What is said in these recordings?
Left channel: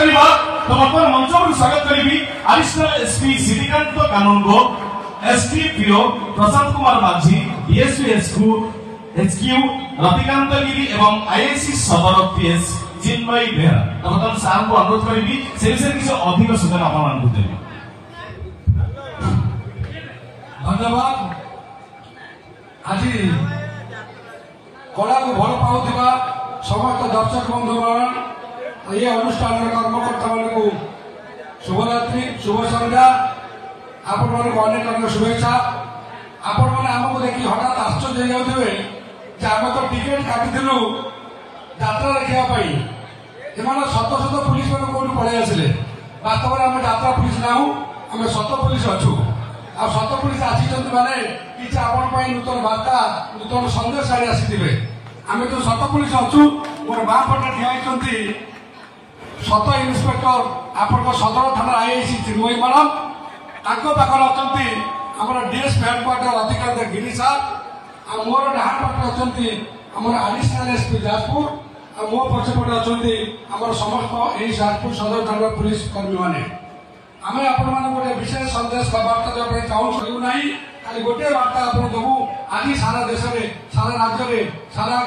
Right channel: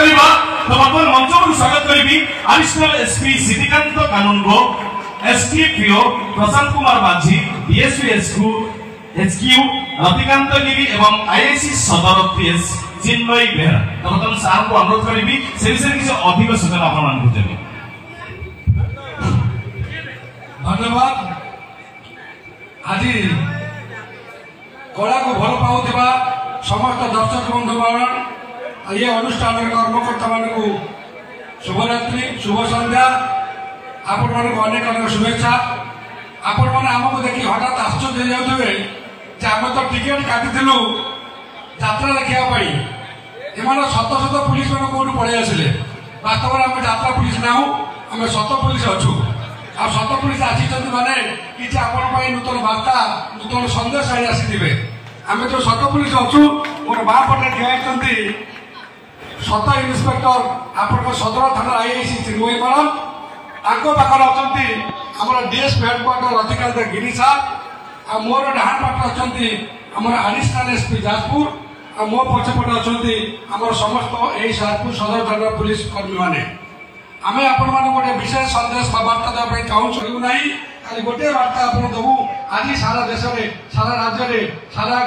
करबा तो बर्तमान मंच पर स्वागत करिबी एडिशनल एसपी सिद्धिकांत कानूनगो एसटीपीओ प्रशांत कुमार माझी डीएसपीएसकू एचक्यू रतिकांत गिरी एवं आईआईसी सदर पीएस चिन्मयी बेहरा तो बर्तमान सार को अनुरोध करिबी से विषय किसी अधिक सूचना आपण मानकु देबे। धन्यवाद। आज कला को भल पाउथिबा समस्त दर्शक बंधुगण ये अनुष्ठान कर्मकर्ता मानकु शुभरात्रि शुभ संध्या आपण मानक अनेक अनेक शुभेच्छा। आपण माने हमको देखि हठात आश्चर्य हो जाउथबे जे हम तो टिकट काटिथिलु यात्रा देखिया पई एमाने शत शत पुलिस लोक कोठु पळै आसिले वास्तव में हम यात्रा पुलिस नाउ हम शत पुलिस अछु आ शत पुलिस आसीचंत माने कि आपण पई नूतन वार्ता नूतन संदेश आइ आसीथिबे हम जो शत पुलिस अछु मोर बा पटे ठियाइचंती शत इन्स्पेक्टर आपण सदर थाना आईआईसी चिन्मयी मैडम ताको पाखर अछंती हमर डीएस हेडक्वार्टर अधिकारी गिरी साहब आ मोर डाहाण पाख अछंती हमर एडिशनल एसपी जाजपुर आ मो पछपटे अछंती हमर समस्त एई जाजपुर सदर थाना पुलिस कर्मी माने आमे आपण माने गोटे विशेष संदेश वार्ता देबा पई चाहू छू नाही खाली गोटे वार्ता आपण देबू आज सारा देश रे सारा राज्य रे सारा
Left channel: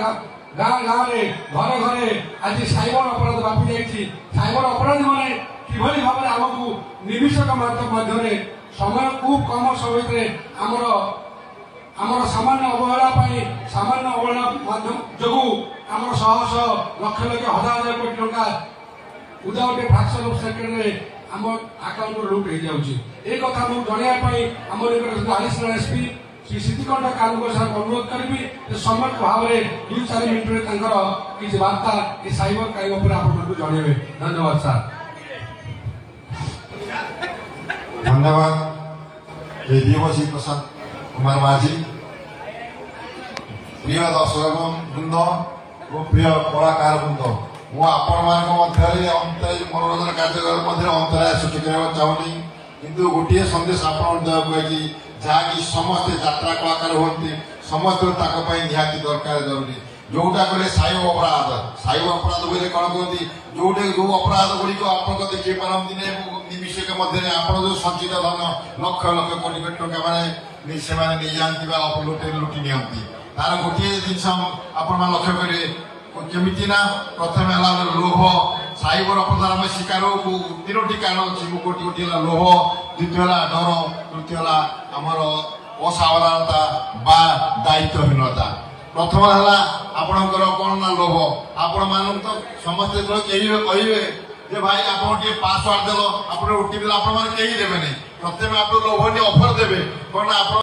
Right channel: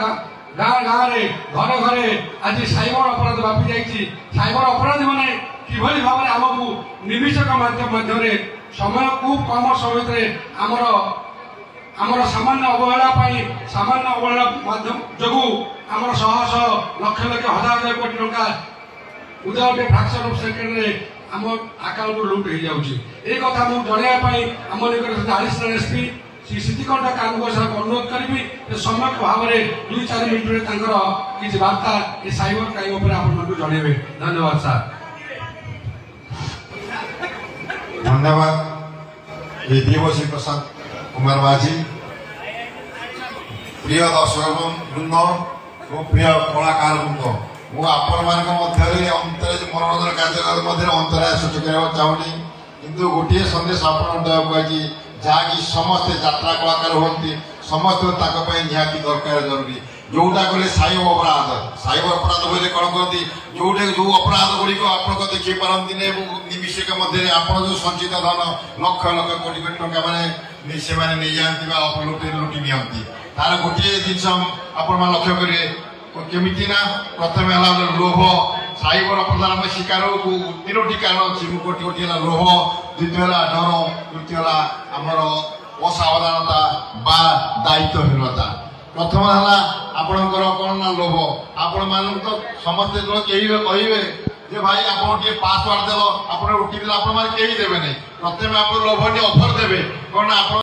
गाँ गाँ रे घरे घरे आज साइबर अपराध व्यापी जाइए साइबर अपराधी मैंने किभली भाव में आमको निमिषक माध्यम समय खूब कम समय आमर सामान्य अवहेला सामान्य अवहेला माध्यम जो आमर शह शह लक्ष लक्ष हजार हजार कोटी टंका विदाउट फ्रैक्शन ऑफ सेकेंड रे आम अकाउंट लुट हो जाउची ए कथा मु जणिया पई आम निकट एडिशनल एसपी श्री सिद्धिकांत कानूनगो सर अनुरोध करी समय भाव में 2-4 मिनट किसी वार्ता ये साइबर क्राइम उपर आपको जनइबे। धन्यवाद सर। धन्यवाद ये दिवसी प्रशांत कुमार माझी प्रिय दर्शक वृंद और प्रिय कलाकार वृंद मु आपण मनोरंजन कार्यक्रम अंतराय सृष्टि करने चाहूनी किंतु गोटे संदेश आपण देवाई जहाँकि समस्ते यात्रा कलाकार होती समस्त निहाती दरकार जरूरी जोटा कहले साइबर अपराध बोले कौन कहती जोटे जो अपराध गुड़िक आप देखी पारती निमिषक मध्य आप जो संचित धन लक्ष लक्ष कोटी कोटी टंका मैंने से नहीं जाती लुटि नि तार गोटे जिन आपण लक्ष्य करेंगे केमी ना प्रथम है लोभ साइबर अपराध आम शिकार तीनोटी कारण अच्छी गोटी गोटी लोभ द्वितीय डर तृतीय आमर असावधानता बा दायित्वहीनता प्रथम है आपणकर कौन ना लोभ आपण मान तो समस्ते जो कहे जे भाई आप पासवार्ड देल आप ओटीपी आप देवे प्रथम आप लोभ ऑफर देवे कौन आप